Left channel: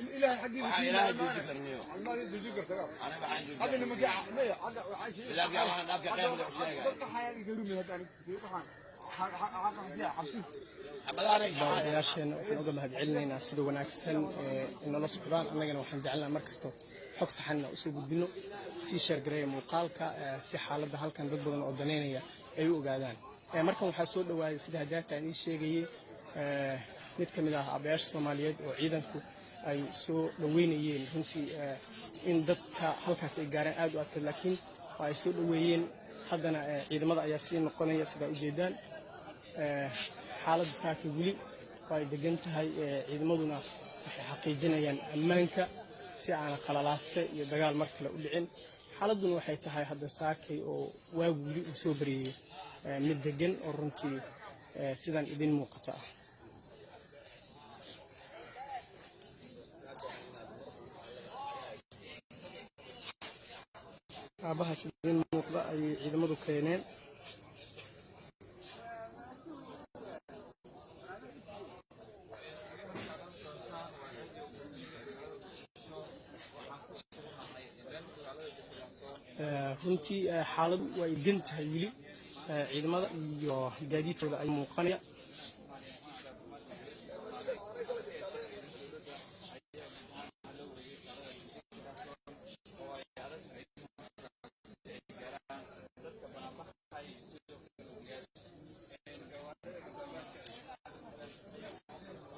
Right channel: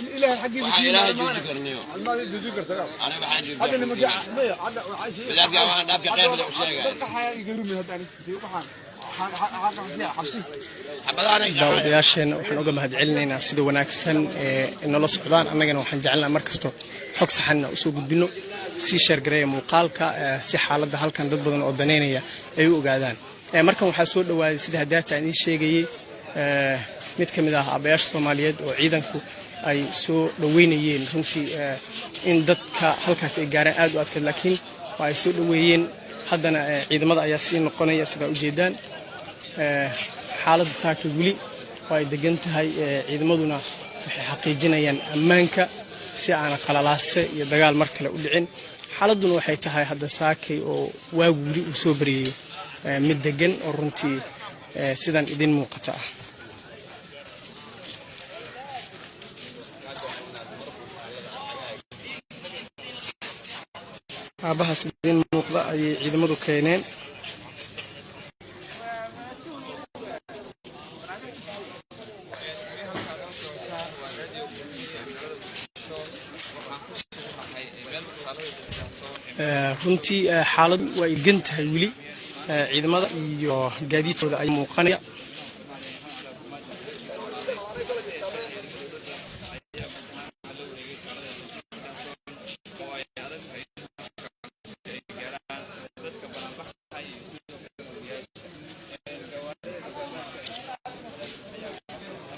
الإله حقي إله جوجكرنيو المال جوجكر أنا بحاجة هذا اللي مجا هذا لا جا لا جا غير الشيء daawadayaasheen waxaan uga mahadcelinaynaa sida wanaagsan ee nala socdaan annagana waxaan jecelnahay markasto xog saxan u soo gudbino si sheergareeya muuqaalka si xaaladda halkan dad badan oo daneynaya ay u ogaadaan markan waxaa soo dhawaaday sida hadaata aan sheegayay mid kamid ah aabayaasha Soomaaliyeed oo ciidanku ay soo dhaweynayeen runtii in dadka halkaas ay gaaraan aad u adkeed laakiin waa ay soo dhaweeyeen haddana ciidamada ayaa sii noqonaya sida u jeedaan xaaladda saaka wili way degan tahay ciidamaduna waxay xaqiijinayaan ammaanka si aan qalalaase iyo dagaal mar kale u dhicin xaaladuna waxay tahay hadda saakay oo waagu wili uu soo bariyo mid degan oo runtii sidan idin muuqata aabahaas idin muuqda ay ciidamadu keeneen runtii xaaladu way degan tahay wili ciidamada iyo gaadiidkooda ay muuqanaya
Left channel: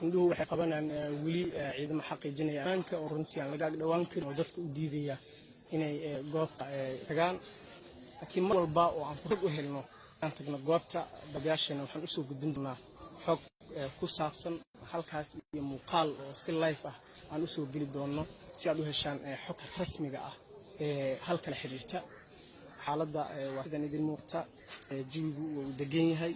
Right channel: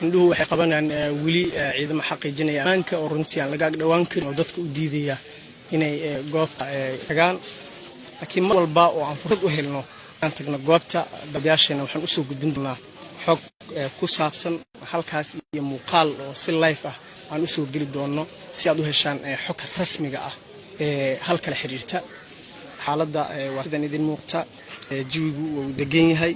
indhuhu waxay qabanayaan wili ciidamo xaqiijinaya ammaanka oo runtii aan laga dhawaan karin oo dadka u diidaya inay goobta tagaan laakiin mar walba oo aan fursad u helno aan tagno goobta dadaasheena waxaan u soo gudbin doonaa xog ku saabsan halkaas iyo muuqaal oo si live ah aan u soo geli doono si aad u heshaan xog rasmiga ah ee halka xiriirta xaaladda waa sidan idin muuqata jawigu uu degan yahay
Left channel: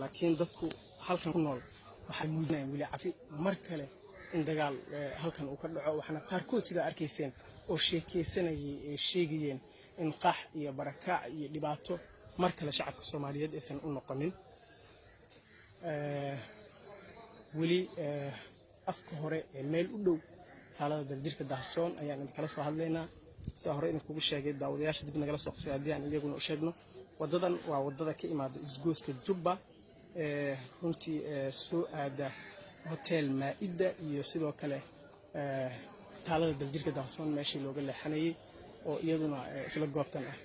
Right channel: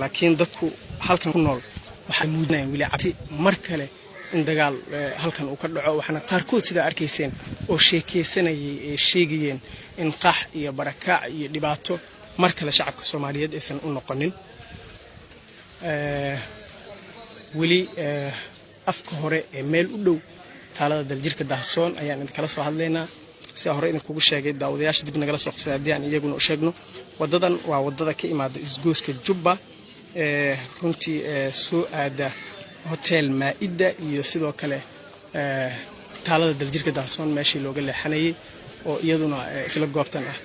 laakiin dadku halkan ku nool waxay muujinayaan wili cabsi mar kale in dagaal halkan uu ka dhaco waxaana qaarkood sida arkayseen oo sheekeysanayay ee sheegayeen in qax iyo barakaac iyo dhibaato mar kale shacabka Soomaaliyeed aysan u noqonin wili afka hore ee meel u dhow taalada daljirka Dahsoon ayaan idin kala soo hadlaynaa si hore idin kugu sheegay daawadayaasha dib nagala soo qabsaday hadii aan iyaguna u sheegno wadadan waa wadada ka imaada isgooska Jubba runtii soo aada hotel Maida iyo sidoo kale taalada daljirka Dahsoon meeshii looga leexanayay oo iyaduna isla goobtan ah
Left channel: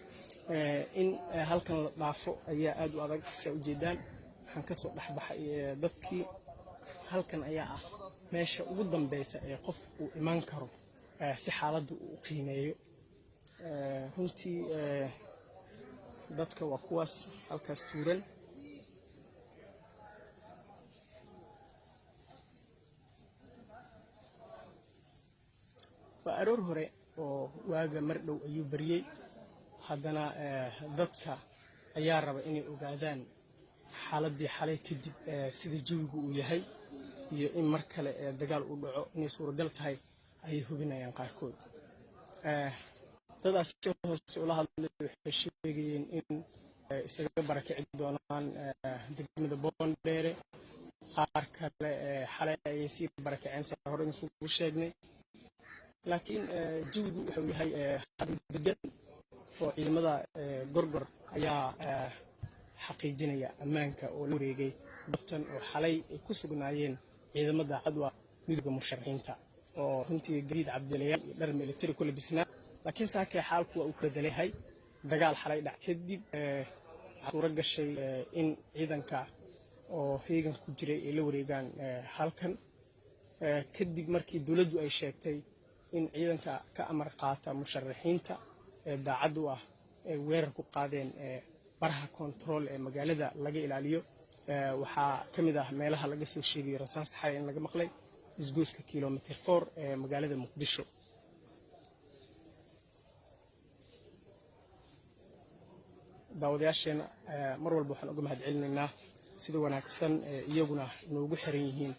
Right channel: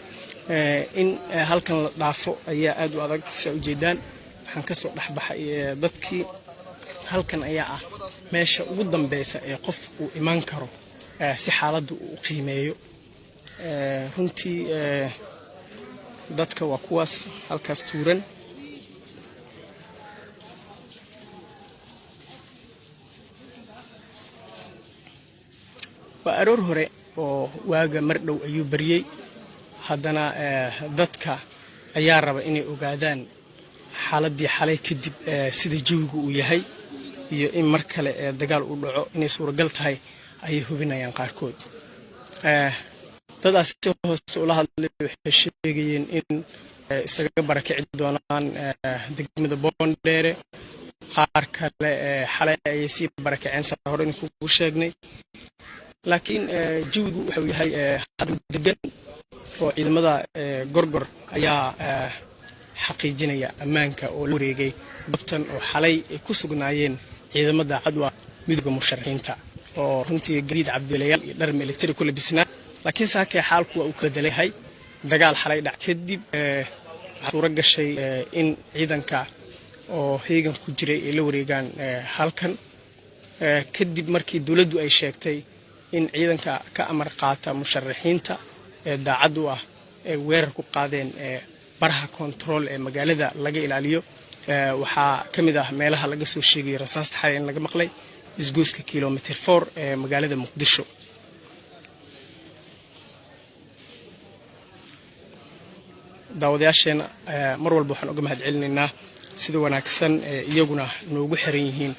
in halkan la dhaafo ayaa aad u adag si u jeedaan waxaan ka soo dhaxbaxay dadkii halkan ayaa ah meesha ugu dambaysa ee qof uu iman karo si xaaladdu uu qiimeeyo runtii dadka waa kuwaas halkaas tuuran waa aroor hore oo waaga mar dhow ayuu bariyay haddana dadka ayaa raba inay ogaadaan xaaladii xalay kadib sida jawigu uu yahay iyo in mar kale dagaal uu dhaco inay suuragal tahay ayay hubinayaan qaarkood dadaas si hoose ula hadlay waxay sheegayeen in isaga barakici doonaan degmada Boondheere qaar kale xalay ay si barakiceen saa hore ku sheegnay laakiin jawigu wuxuu yahay degan oo ciidamada gorgor ayaa xaqiijinaya ammaanka oo la wareegay dabtan oo xalay ay ku sugnaayeen ciidamada cadwa midowga musharaxiinta oo runtii gariid cabdilayaal iyo dhar military ku labisnaa laakiin saakay xaalku waa uu kala daleeyahay dagaal xalay dhac kadib suura gashay in ciidanka oo heegan ku jiray ay la wareegaan halkan kadib markii dawladdu ay sheegtay in ciidanka ka amar qaata musharaxiinta ee daacad u ah ee weerar ku qaadeen baraha control ee magaalada laga ilaaliyo waxaa kamid ah meelaha laga soo sheegay rasaasta xalay in laga maqlay isgooska kilometer 4 ee magaalada Muqdisho daawadayaasheena mar walba waxaan uga mahad celinaynaa sida wanaagsan iyaguna noogu xiran yihiin.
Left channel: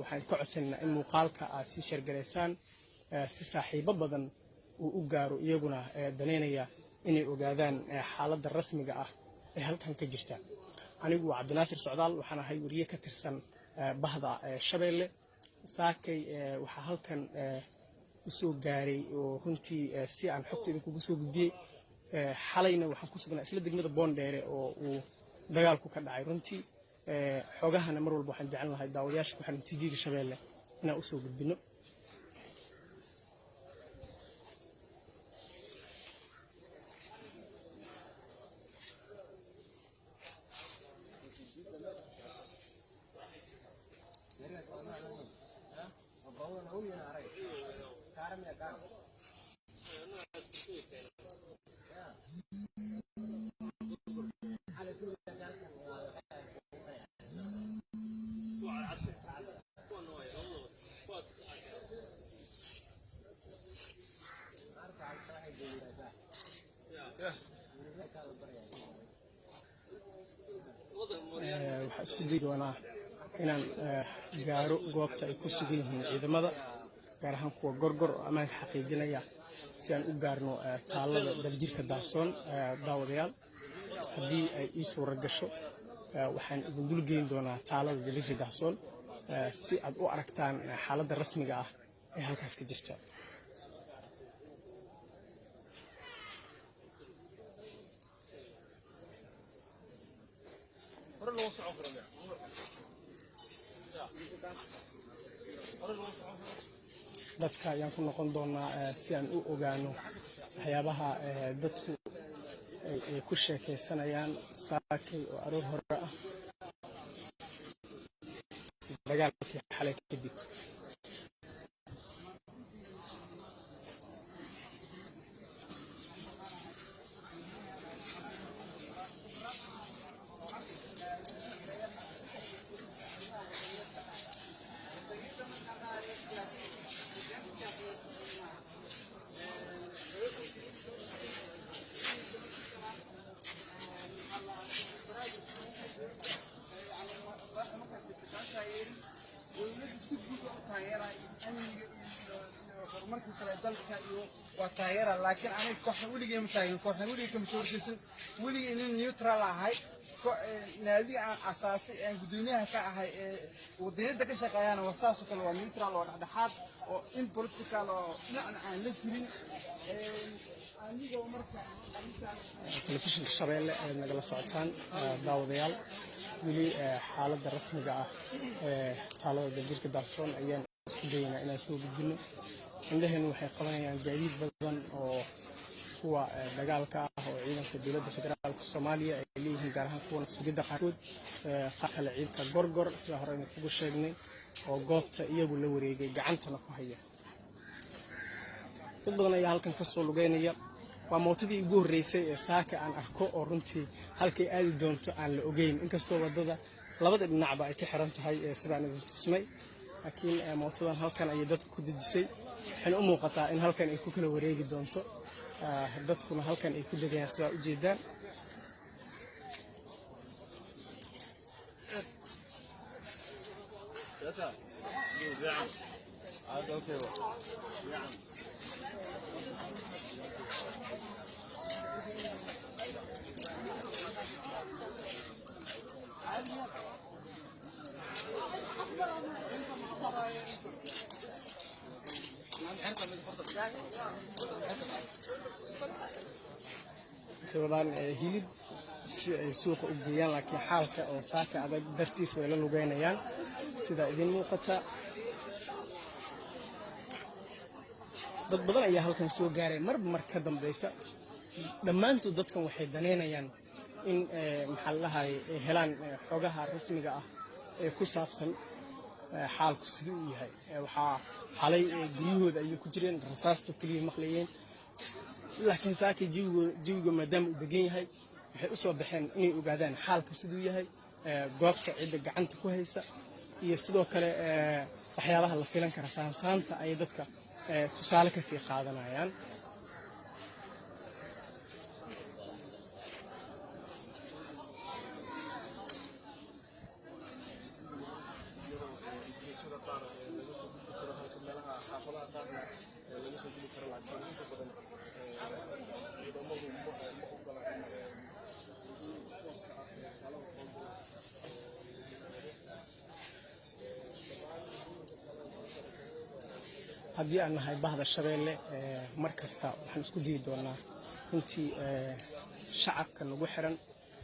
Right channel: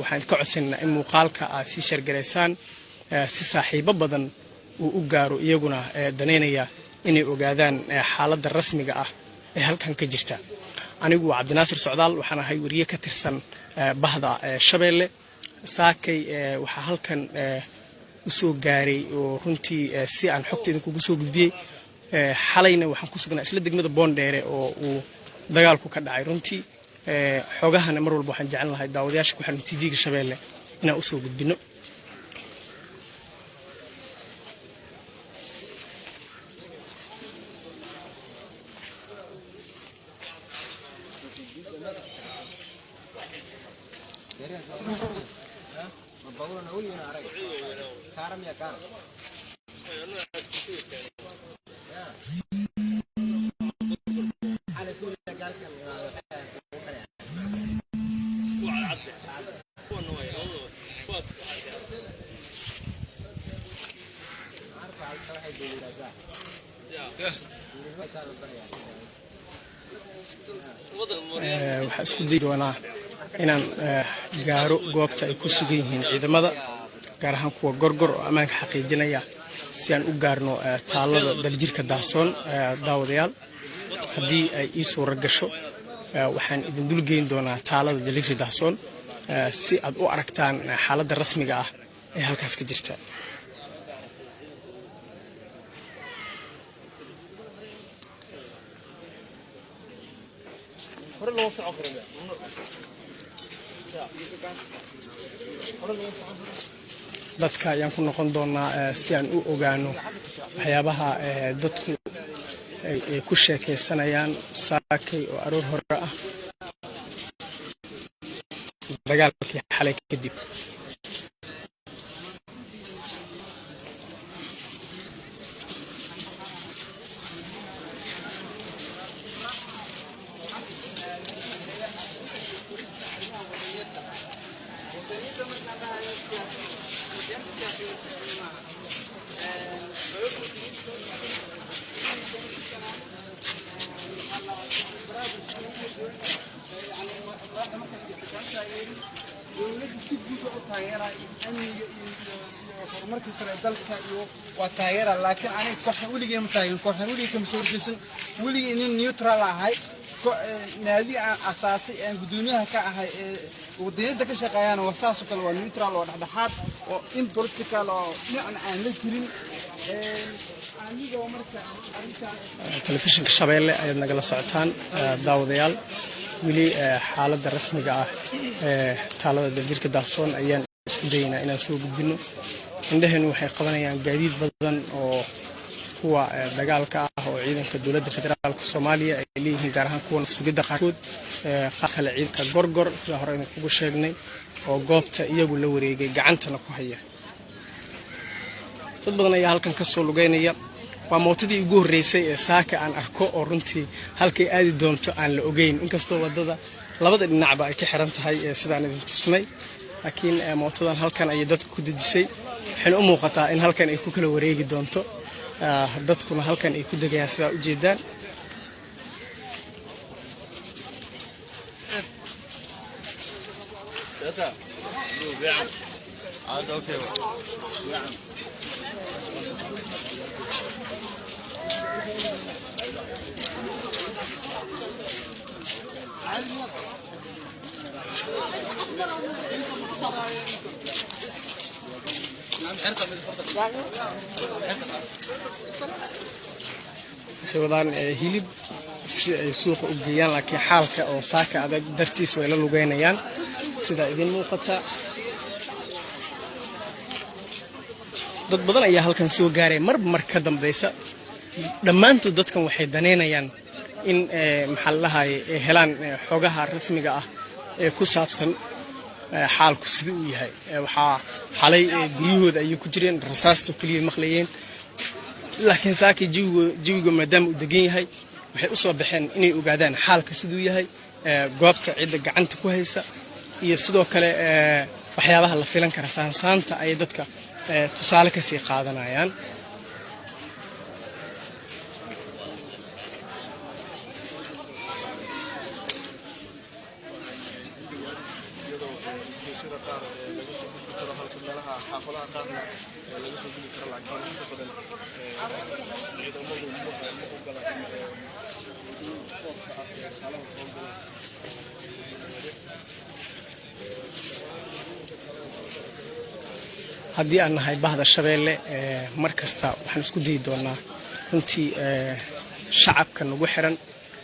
waxaan ka codsanaynaa in muuqaalka aad sii shargaraysaan si saaxiibo badan uu u gaaro iyaguna daneynaya inay ogaadaan xaaladda rasmiga ah ee halkan ka jirta. anigu waa Cabdinaasir Socdaal, waxaan ahay wariye ka tirsan bahda Shabeelle. saakay waxaa halkan u soo gaaray oo runtii si aan xogta idinkugu soo gudbiyey. xalayna waxaan ku sugnaa isla degmada Boondheere oo uu dagaalku ka dhacay. runtii xogahana mar walba waxaan jeclan lahay daawadayaasha ku xiran TV-ga Shabeelle inaan u soo gudbino. waxaan isku dayi doonaa inaan gaaro goobta ay ku sugan yihiin ciidamada, gaar ahaan kuwa gorgor oo ammaanka xaqiijinaya, si aan u gaarno taalada daljirka Dahsoon. daawadayaal, haddii ay ii suura gasho waxaan idin dulgeyn doonaa taalada daljirka Dahsoon si aad u aragtaan xaaladda rasmiga ah ee halkaas ka jirta. dadka ayaan ku noqon doonaa si aan u ogaano waxyaabaha dadku ay ku sheekaysanayaan saakay oo aroor hore ah dagaalkii xalay kadib. وتايرة لكن أنا كحن ولي متاين كحن ولي كم صور جسم ولي إن نيوترال هاي نادي أساسي إن بدونها كهاي ودين ده كشقيان وأساسه كله نيوترال وده حد وإن بوليتيكال يعني عن لكرين telefishinka Shabeelle ayaad nagala socotaan daawadayaal. weli xaaladda rasmiga ah taalada daljirka Dahsoon ayaan isku daynaa inaan soo gudbino. indhaheenu waxay qabanayaan gaadiid badan oo kuwa dagaalka ah oo ciidanka dowladda federaalka Soomaaliya ay leeyihiin, gaar ahaan kuwa sugidda qaarkood. qaar kale ciidanka gorgor sida hore idin kugu sheegnay oo goobta iyagu la wareegay gacantana ku haya. dad badan ayaa halkan ka soo lugeynaya. waa mootadii ugu horeysay ee saaka aan arko oo runtii halkay aadi doonto aan la ogeyn, inkastoo wadada labada dhinacba ay ka xiran tahay sidaan idin tusnay. laakiin mootadan halkan ayay dadku ku dejisay. waxayna u muuqataa in halkan ay ku kala wareegi doonto, dadkuna halkan ay ku degayaan sidaa u jeedaan. waxay wadaan hilib si ay suuqa u geeyaan, laakiin xaalka oo saaka adag dartiis way la lugeynayaan sida idin muuqata. dad badan ayaa halkan soo gaaray marba mar ka dambaysa. dhammaantood dadkan waxay daneynayaan in maxaa la dhahaye helaan xogaha rasmiga ah ee ku saabsan xaalku sidii uu yahay. waxaa xalay guryahooda ayay ku jireen, rasaasta kaliya maqlayeen. laakiin saakay jawiga maadaama uu degan yahay, waxay u soo baxeen inay ogaadaan xaalka siduu yahay, goobta cidda gacanta ku haysa, iyo sidoo kale waxyaabaha la filan kara. saansaanta ay dadka tusaale ka sii qaadanayaan. haddii aan nahay bahda Shabeelle mar kasta waxaan isku dayi doonaa runtii shacabka nagu xiran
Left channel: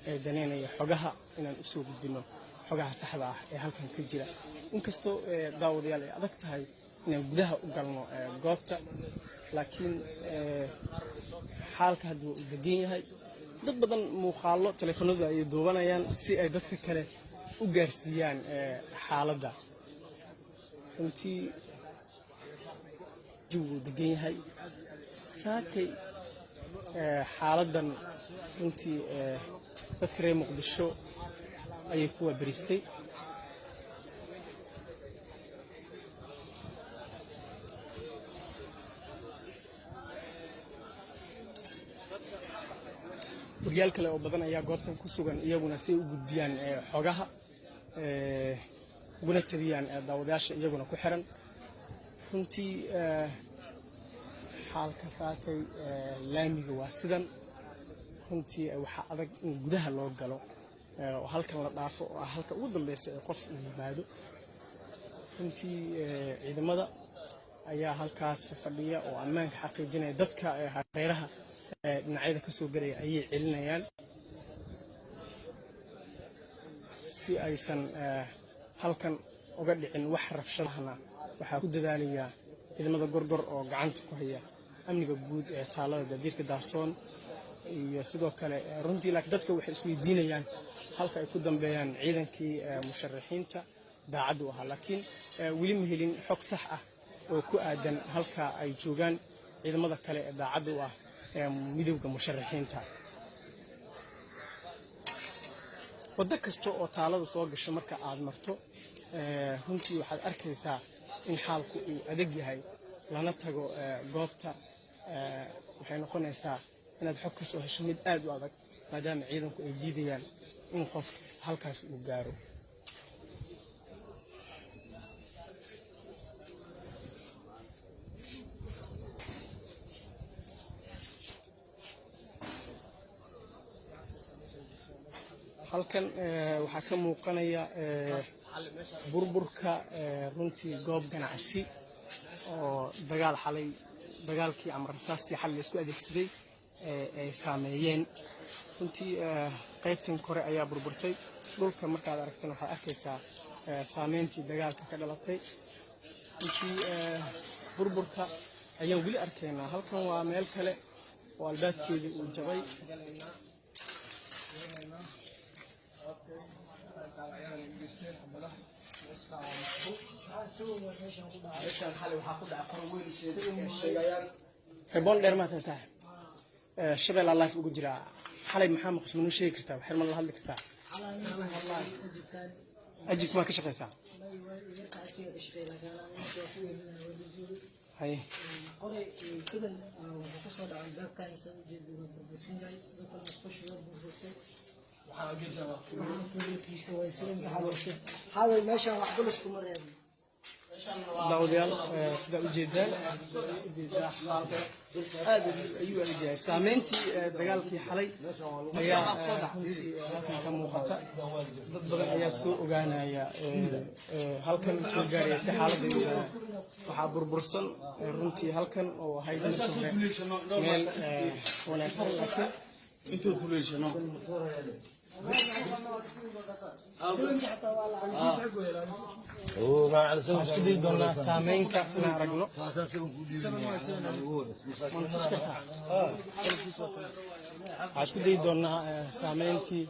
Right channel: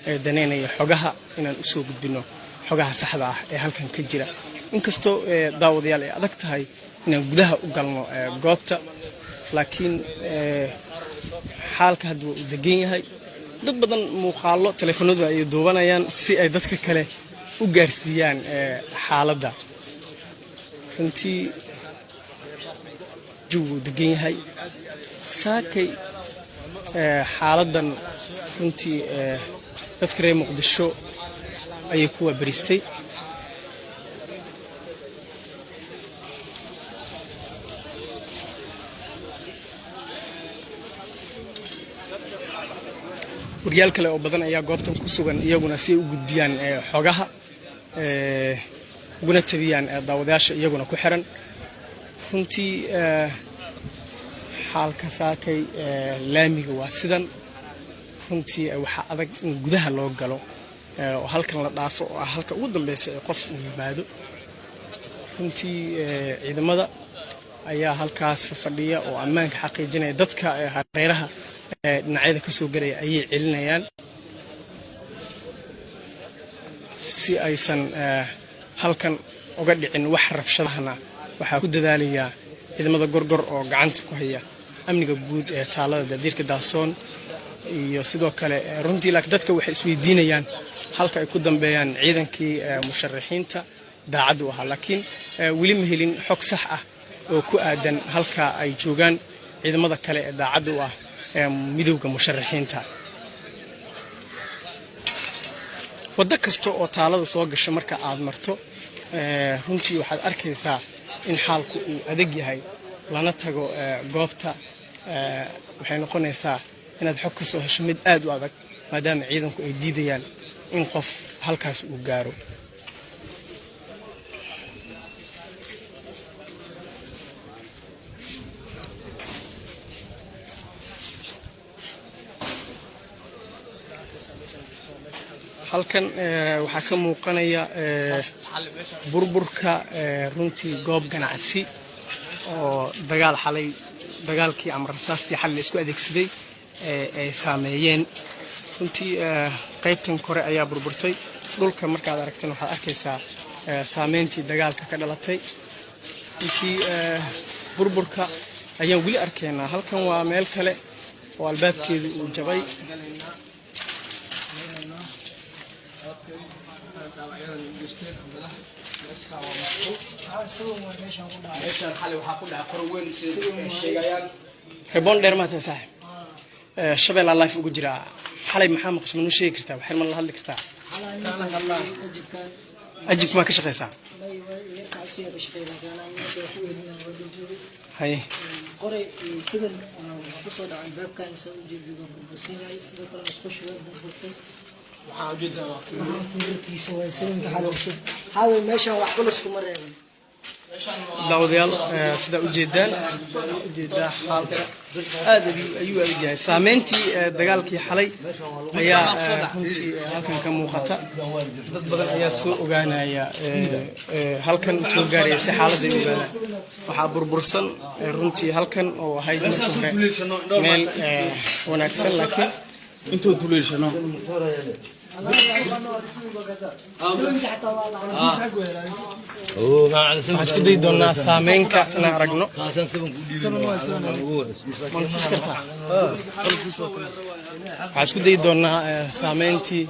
ee daneynaya xogaha inaan u soo gudbino xogaha saxda ah ee halkan ka jira inkastoo daawadayaal ay adag tahay inaan gudaha u galno goobta laakiin xaalka hadda uu degan yahay dad badan muuqaalo telefoonada ay duubanayaan si ay dadka kale u gaarsiiyaan xaaladda runtii جوا دقيقة ساكي حالدا كنتي تذكري مقدشو أي كوا بريستي ورجال كلا وبدنا يا قابتهم كسوغان يجونا سي وجود بيان حاجها وجونا تبيان داوداش يجونا كحرن runtii xaalka saakay laamiga waa sidan runtii waxa adag in gudaha loo galo oo halkan la dhaafo oo halka ugu dambeysay qof uu yimaado runtii ciidamada ayaa halkaas fadhiya oo ammaanka xaqiijinaya dadka hareeraha dhinacyada ka soo galaya ayay celinayaan si aysan halkan uga dhicin wax rabshadahana waxaa ku dadaalayaa ciidamada gorgor oo gacanta ku haya amniga guud ee taalada Dadirka Daasoon iyo sidoo kale runtii laakiin dadka waxay isweydiinayaan halka ay ku dambeeyaan ciidankii musharaxiinta daacad u ahaa laakiin weli ma helin xog sax ah oo ku aadan halka ay joogaan ciidamada kale ee daacad u ah midowga musharaxiinta wada kasta oo taalada soo gashay marka aad marto runtii waxaad arkaysaa in xaalku uu adag yahay lana tago goobta waxay noqonaysaa inaad xog ka soo hesho mid aad u adag maadaama ciidanku ay diidayaan in qof halkaas uu gaaro halkan waxaa ka muuqanaya burburka runtii goob ganacsi oo dagaalkii ama rasaastii xal la isku adeegsaday ay saameeyeen runtii qaybtan kore ayaa burburtay dhulka markaad aragtan waxaad arkaysaa saameyntii dagaalka ka dhalatay runtii burburka ayaan weli arkaynaa halkan waa meel kale oo albaabkeedu uu jabay ريبون دير ما تنسحب شباب الله يفوق جرا حالي محمد قش منو شيء كرتا وحرم الله هذا كرتا أجيك ما كش قيسا هاي قري سجن وقصد عن باب كان يسوي جد بالبسين سجن كلام خش باب بالبسين وحاجد كيس ويسلم كحاله هذا ماشى وحبلسكم مرة داوديال سدا ujeedaan xaalka aad ayuu yahay saameyntii dagaalkii xalay ayaa runtii halkan ka muuqata dad badan ayaa soo ogaanaya halkan soo gaaraya si xaaladda ay ogaadaan waxaa burbursan runtii halkan oo ahayd markii hore meel wanaagsan laakiin intuu duleeshano waxaan isku dayi doonaa saameynka inaan aragno waxaan isku dayi doonaa saameyntii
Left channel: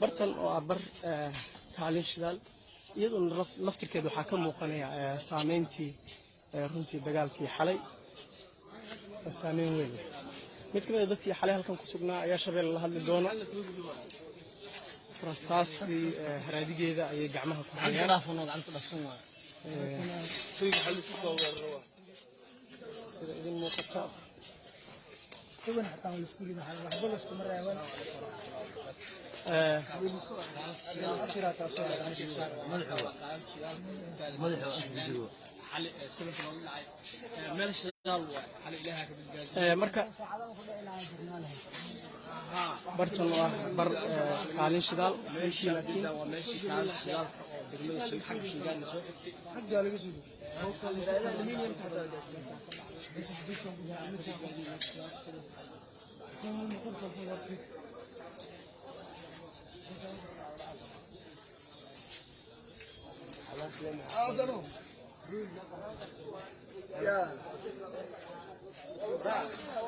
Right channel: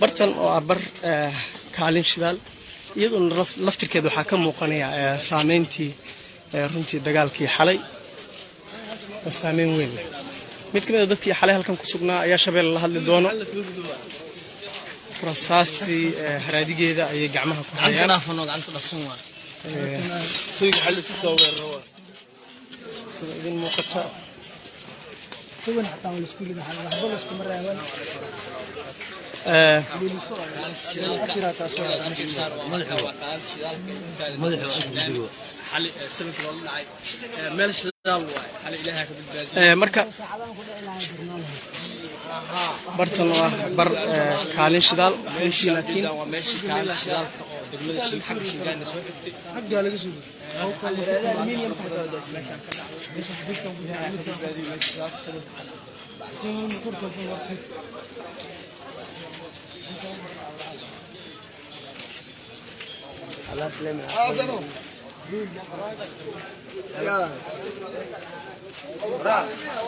bartan oo ah bar kaalin shidaal iyadoona laftirkeeda waxaa ka muuqanaya saameyntii runtii dagaalkii xalay oo saameyn weyn leh mid kamid ah dadkii xalay halkan ku sugnaa ayaa Shabeelle la hadli doono rasaastii haraadigeeda ayay gacmaha ku hayaan gacanta dhafsan waa soo xal isu soo weeraro sida idin muuqata سوين حتى من السكول ده حلو وحبوا السكول مرة يوم marka bartan waa bar kaalin shidaal laakiin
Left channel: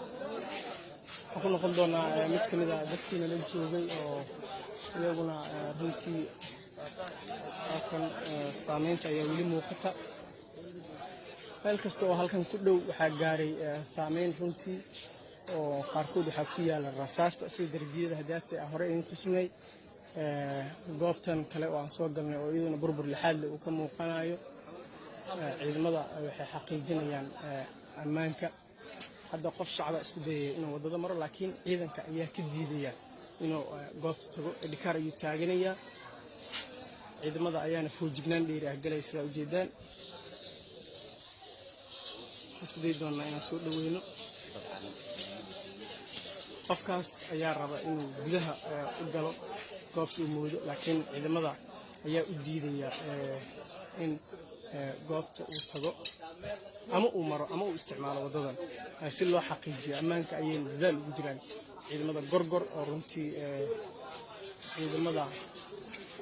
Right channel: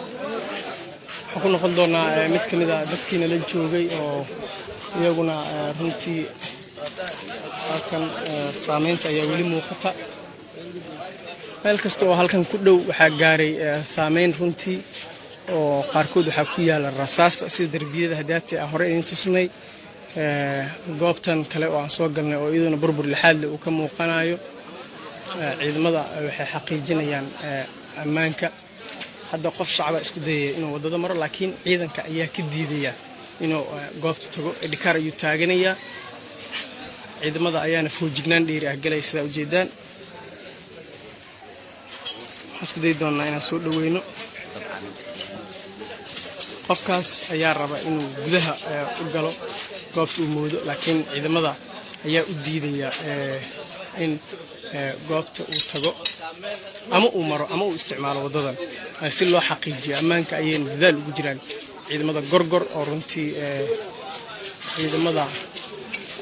waxaan ku noqon doonaa mid ka mid ah dadkiina la joogay oo iyaguna runtii halkan saameynta ayaa weli muuqata meel kasta oo halkan ku dhow waxaa gaaray saameyn runtii oo qaarkood waxaa ku yaala rasaasta sida darbiyada hadaati ah hore idin tusnay goobtan kale oo aan soo galnay oo iyaduna burbur lixaad leh uu ka muuqanayo ciidamada waxay xaqiijinayaan ammaanka hadda qof shacaba isku dayaya inuu wadada maro laakiin ciidanka ayaa ka diidaya inuu goobta tago dhikaar ayuu taaganayaa ciidamada ayaana foojignaan dheeri ah galay sida ujeedaan waxaan isku dayi doonaa inaan soo dhaweyno qofkaas ayaa raba inuu gudaha u galo goobta uu moodo laakiin ciidamada ayaa u diidaya in goobta uu tago ama uu maro ama uu isticmaalo wadadan si loo xaqiijiyo ammaanka ayayna dadaal ugu jiraan ciidamada gorgor oo runtii ciidamada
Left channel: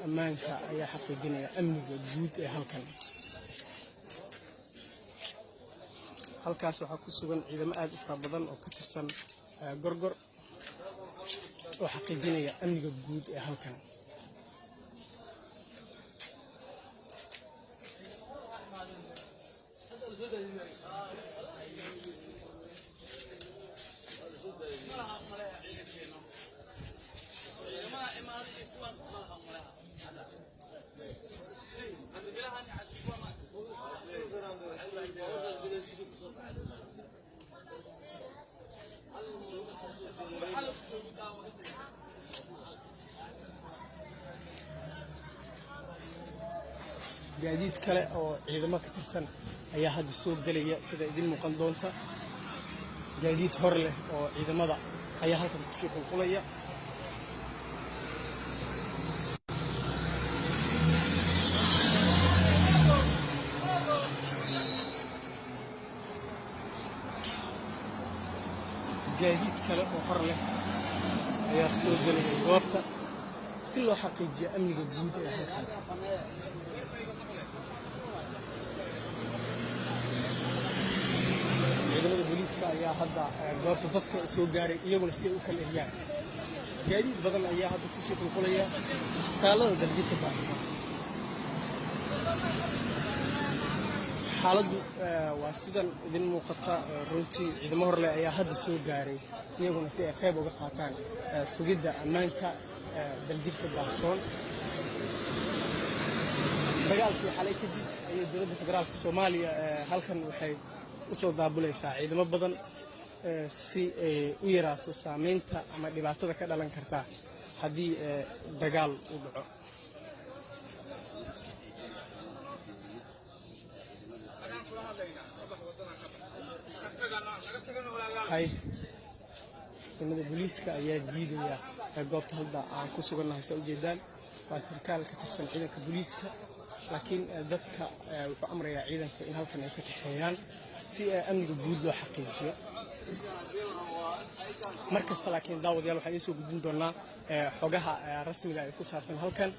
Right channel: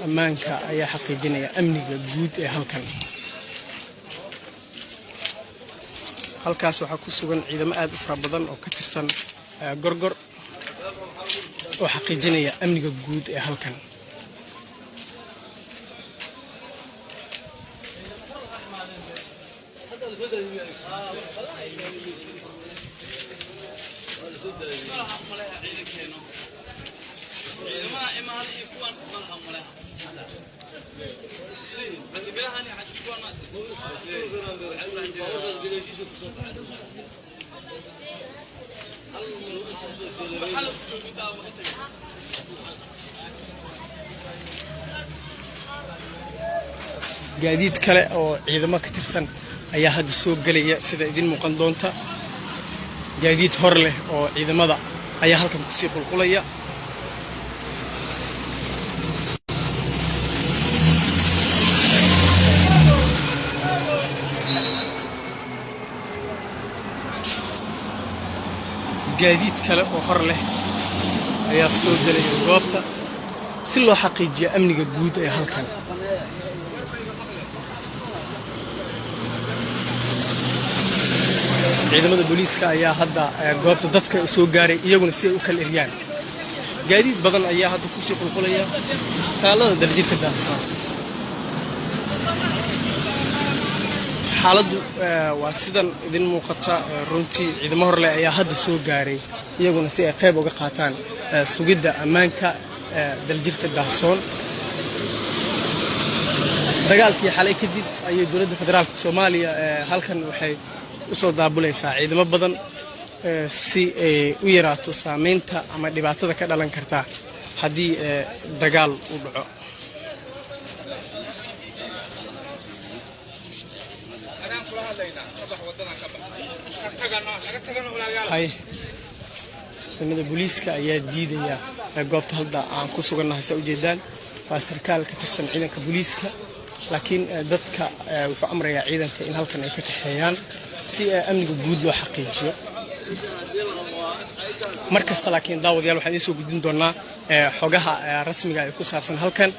ammaanka ayaa xaqiijinaya amniga guud ee halkaas waxaa ku sugan ciidamo aad u fara badan oo ka tirsan gorgor oo xaqiijinaya amniga guud ee halkan gaadiid kale oo ciidamo ka tirsan ayaa hadda soo galaya sida idin muuqan doonta gaadiid hor leh oo ciidamada ayaa halkan ku sii qulqulaya gaadiid kale oo hor leh ayaa soo galaya goobta si loo xaqiijiyo amniga guud ee halkan ciidamada booliiska ayaa hadda goobta dadka soo gaaray iyaguna si ay u kala eriyaan gaadiid badan ayaa hadda ku sii qulqulaya taalada daljirka daahsan xaaladdu waa sidan idin muuqata runtii ciidamo horle ayaa hadda soo gaaray iyaguna si ay qayb uga qaataan sugidda ammaanka daljirka daahsoon dagaalkii xalay kadib ayay dowladda federaalka Soomaaliya halkan waxay u soo daabulaysaa ciidamo badan si ay u yaraato saameynta ama dhibaatada ka dhalan karta haddii dagaal uu dhaco ciidamada booliiska ayaa diidaya goobta hadda aan ku sugannahay saa ujeedaan waa sarkaal ka tirsan ciidanka booliiska laakiin dadka wuxuu amrayaa ciidanka in halkan ay ka kaxeeyaan si amniga guud loo xaqiijiyo mar kasta laakiin daawadayaal waxaan idiin soo gudbin doonaa xogaha rasmiga ee ku saabsan halkan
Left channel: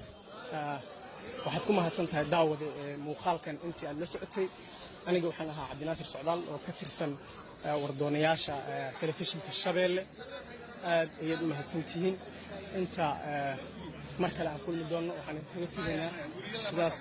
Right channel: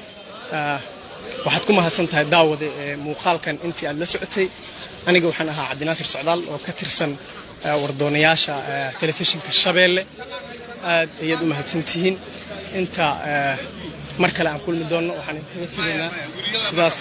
waxaad ku mahadsan tahay daawade muuqaalkan intii aad la socotay aniga waxaan ahaa cabdinaasir socdaal oo ka tirsan wardoonayaasha telefishinka Shabeelle aad ayaad u mahadsantihiin inta mar kale aan kulmi doono waxaan idin kaga filaynaa sidaas